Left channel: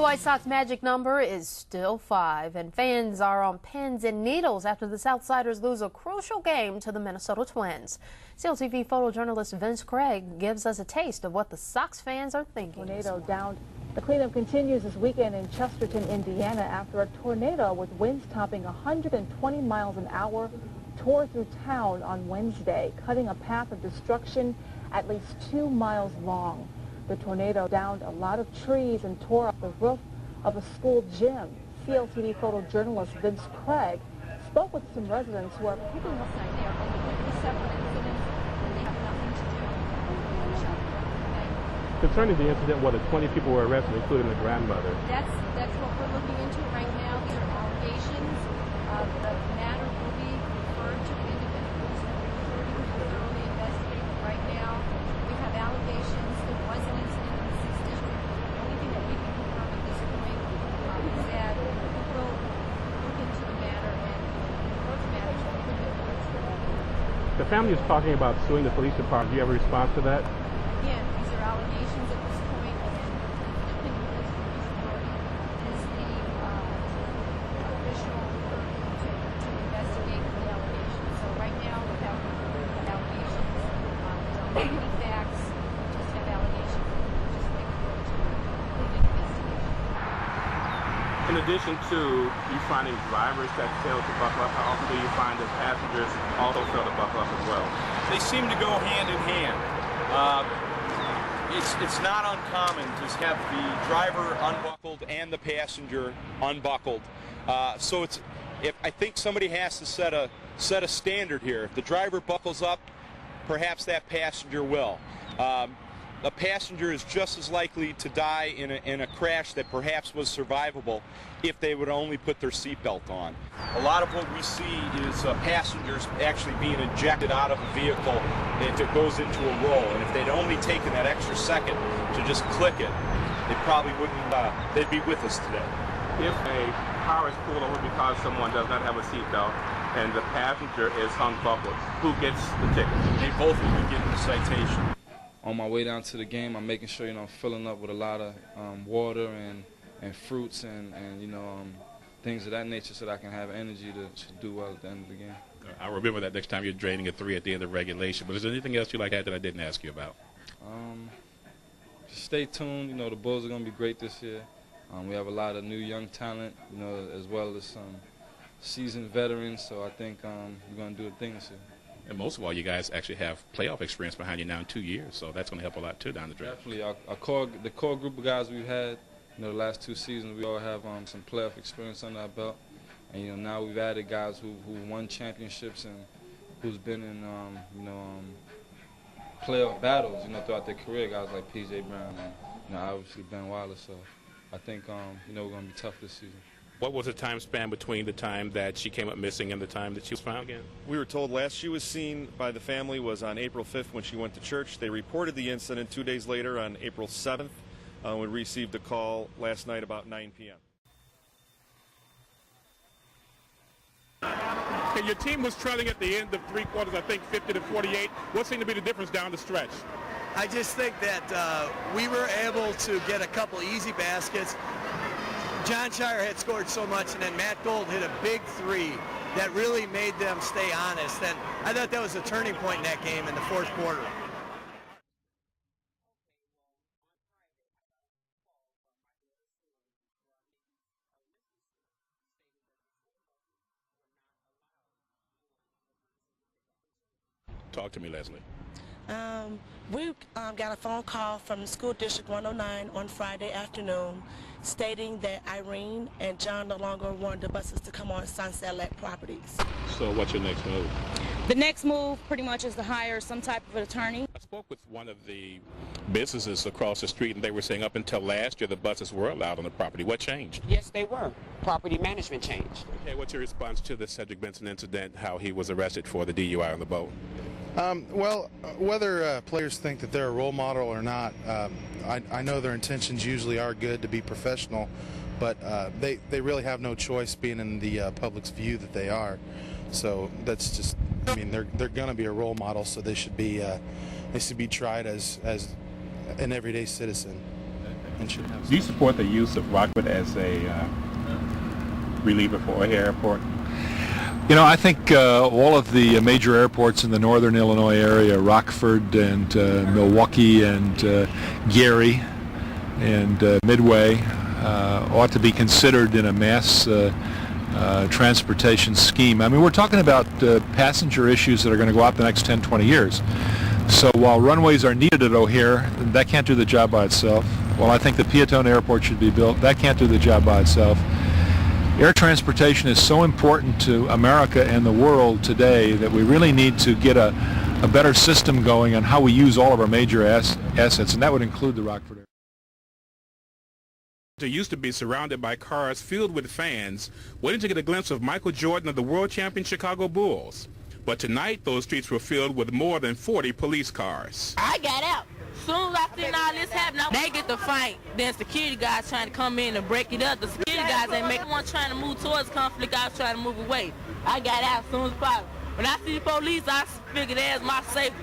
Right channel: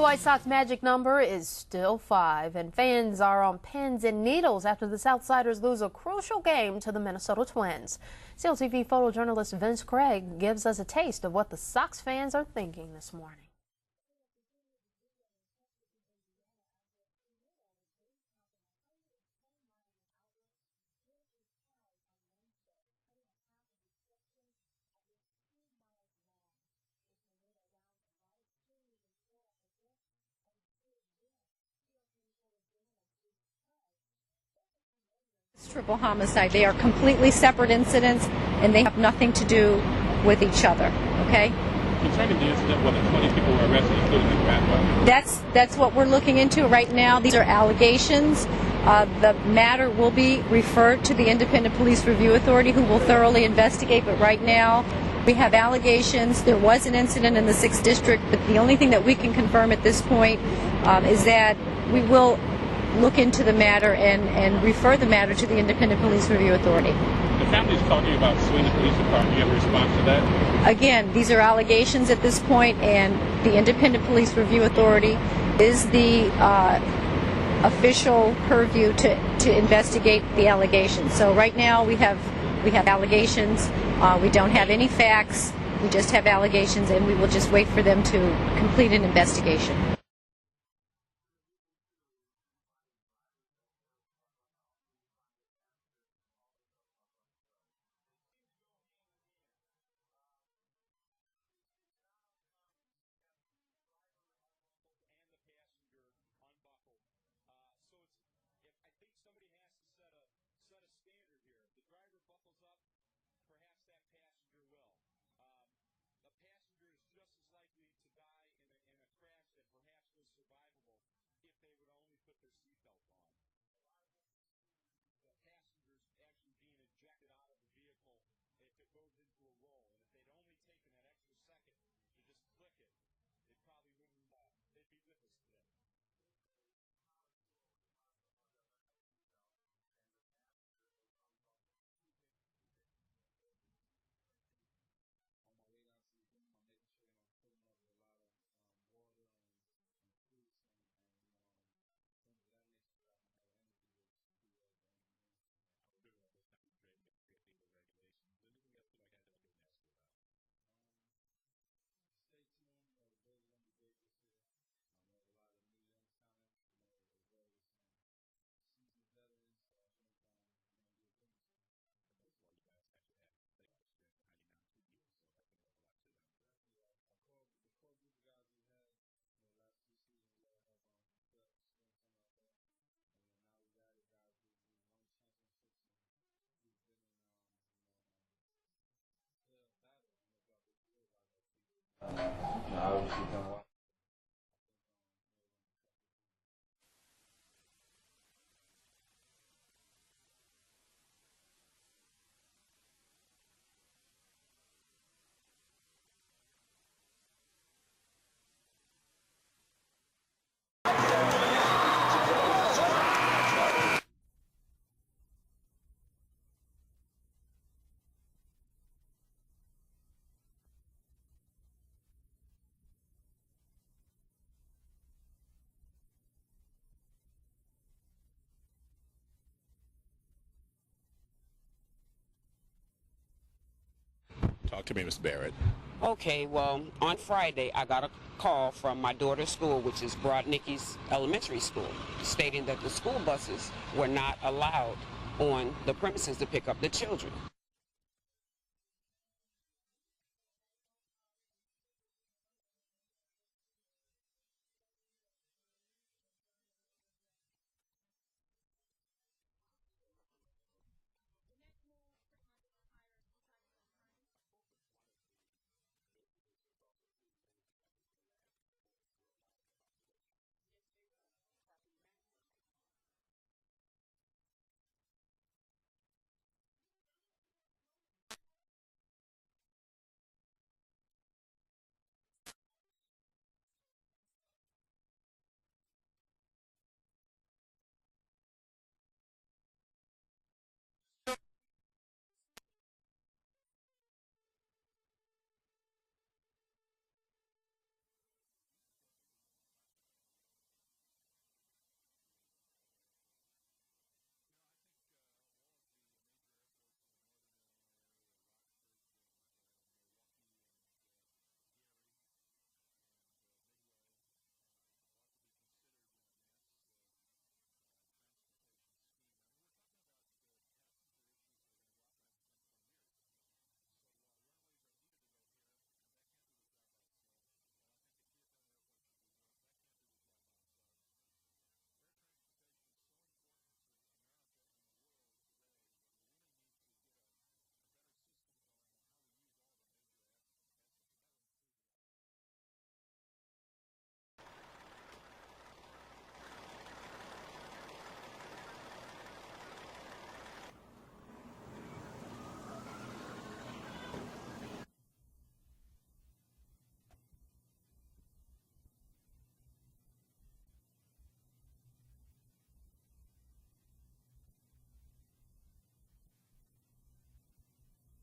The White Sox magic number is still 5, and fans are on pins and needles after the Southsiders lose a crucial game to the Minnesota Twins. CLTV photojournalist Vince Craig gives us a taste of what the Sox fans are thinking. Tornado down. The cleanup continues this weekend in Chesterton, Indiana, after a tornado with winds topping 120 miles an hour tore through town on Wednesday, cutting a path of destruction at least 2 miles long. The tornado downed a lot of trees and tore up the roof of a school gym. CLTV photojournalist Vince Craig spoke with some residents who are... Triple homicide. They are completely separate incidents, and they have nothing to do with each other, okay? Concerning the incident where the 20 people were arrested, including the grandfather. That's what we're looking into right now. These are allegations. The matter will be referred to the Independent Police Review Authority, who will thoroughly investigate, but right now we have allegations. There was an incident in the 6th District, but the only thing that we can confirm at this point is that we will look into the matter and refer the matter to the Independent Police Review Authority. The family is talking about suing the police department. Do you have a response to that? Again, these are allegations at this point, and the Independent Police Review Authority is the official purview to investigate the allegations. So right now we have allegations. We don't have any facts. We just have allegations, and we will just wait for them to complete an investigation. In addition to you finding drivers that failed to buckle up, how often do you find that passengers also fail to buckle up as well? They seem to go hand in hand. It's not uncommon to have the driver unbuckled and the passenger unbuckled. So I think somebody has to set a standard here. If the driver buckles up, perhaps that passenger will. A passenger is just as likely to die in a crash that perhaps was survivable if they would only put their seatbelt on. A lot of what we see is passengers actually being ejected out of a vehicle and it goes into a roll. And if they'd only taken that extra second to just click it, they probably wouldn't, they'd be with us today. If a car is pulled over because someone does not have a seatbelt and the passenger is unbuckled, who gets the ticket? They both will be getting the citation. On my way down to the game, I'm making sure, I'm filling up with a lot of water and fruits and things of that nature so that I can have energy to do well at the end of the game. I'll remember that next time you're draining a 3 at the end of regulation. But is there anything else you like that I didn't ask you about? Just stay tuned. The Bulls are going to be great this year. We have a lot of new young talent, as well as some seasoned veterans. So I think we're going to do a thing this year. And most of all, you guys actually have playoff experience behind you now in 2 years, so that's going to help a lot too down the stretch. Definitely, the core group of guys we've had, the last 2 seasons, we all have some playoff experience under our belt, and now we've added guys who won championships and who's been in playoff battles, throughout their career. Guys like P.J. Brown, obviously Ben Wallace. So I think we're going to be tough this season. What was the time span between the time that she came up missing and the time that she was found again? We were told last she was seen by the family was on April 5th when she went to church. They reported the incident 2 days later on April 7th. We received a call last night about 9 p.m. Okay, your team was trailing at the end of 3 quarters, I think 50-48. What seemed to be the difference down the stretch? I just think that we were able to get a couple easy baskets. John Shire had scored so much, and then Matt Gold hit a big 3 that really made them stay honest. And I thought that was a turning point in that game in the 4th quarter. Talk to me, Mr. Barrett. Okay, well, on Friday, I got a call from my daughter's school, which is Broadnicki's Elementary School, stating that the school buses were not allowed on the premises to pick up the children. Talk to me, Leslie. We got a phone call from School District 109 on Friday afternoon stating that Irene and John no longer wanted the buses to come on Sunset Lake properties. So what's your next move? The next move pretty much is to hire some type of attorney. I spoke with one of the businesses across the street, and they were saying up until last year the buses were allowed on the property. What changed? Yes, they were. Property management changed. Okay, what's your response to the Cedric Benson incident, how he was arrested for the DUI on the boat? Whether players think that they're a role model or not, I know their intentions usually are good to be professional, but they really have no choice being in the public's view that they are. So that's just, they're going to be a role model, so they should be tried as an everyday citizen. and should have. Do you support the use of Rockford as a reliever for O'Hare Airport? You know, I think all of the major airports in the northern Illinois area, Rockford and Milwaukee and Gary and Midway, ought to be considered in a mass transportation scheme. I mean, we're talking about passenger issues that are going to go out the next 10, 20 years. So while runways are needed at O'Hare, that can't do the job by itself. While I think the Peatone Airport should be built, that can't do the job by itself. Air transportation is so important to America and the world today that we really need to get a better system going on how we use all of our major assets, and that would include the Rockford Airport. It used to be surrounded by cars filled with fans waiting to get a glimpse of Michael Jordan of the world champion Chicago Bulls. But tonight, those streets were filled with more than 40 police cars. I got out. Soon as I seen all this happen, they get the fight. Then security guys trying to come in and break it up. The security guys ain't making one trying to move towards conflict. I was trying to move away. I got out as soon as possible. When I see the police, I figured that's my safety.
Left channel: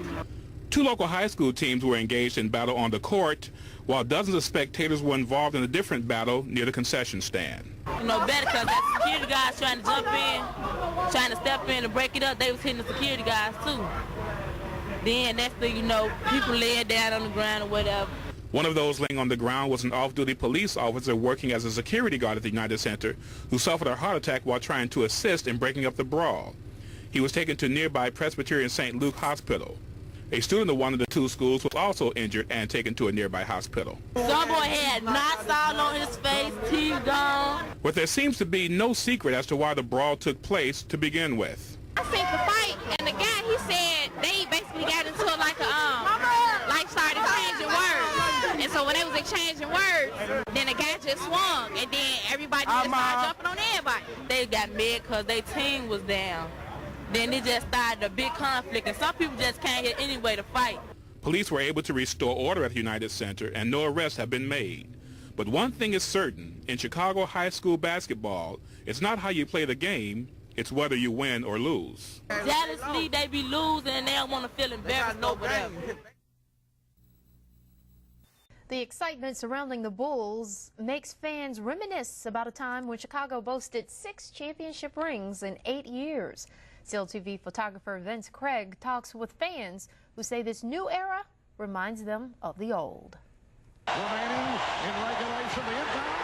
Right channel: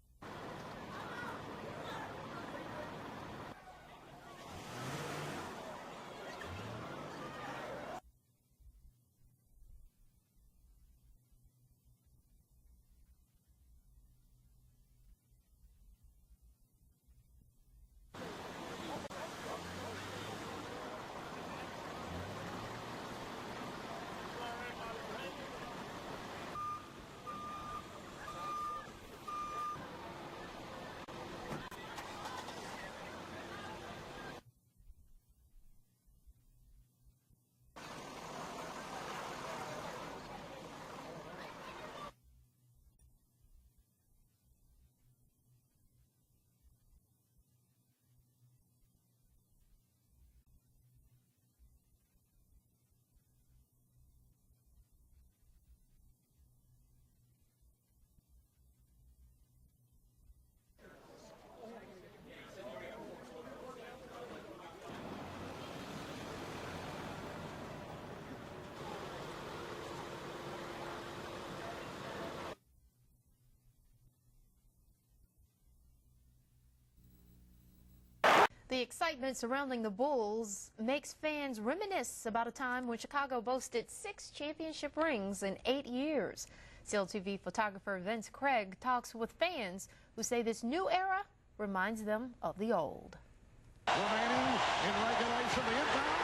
Two local high school teams were engaged in battle on the court, while dozens of spectators were involved in a different battle near the concession stand. You know, better because that security guys trying to jump in, trying to step in and break it up, they was hitting the security guys too. Then next thing you know, people laying down on the ground or whatever. One of those laying on the ground was an off-duty police officer working as a security guard at the United Center who suffered a heart attack while trying to assist in breaking up the brawl. He was taken to nearby Presbyterian St. Luke Hospital. A student of one of the two schools was also injured and taken to a nearby hospital. Some boy had knots all on his face, teeth gone. But there seems to be no secret as to why the brawl took place to begin with. I seen the fight, and the guy, he said they basically got into like started exchanging words. And so when they was exchanging words, then the guy just swung, and then everybody just started jumping on everybody. They got mad because their team was down. Then it just started a big conflict, and some people just can't hit any way to fight. Police were able to restore order at the United Center, and no arrests have been made. But one thing is certain, in Chicago high school basketball, it's not how you play the game, it's whether you win or lose. Jealously, they be losing, and they don't want to feel embarrassed over them. The excitement surrounding the Bulls makes fans reminisce about a time when Chicago boasted 6 championship rings in 8 years. CLTV photographer Vince Craig talks with fans who say this new era reminds them of the old. Remaining in regulation, the inbound.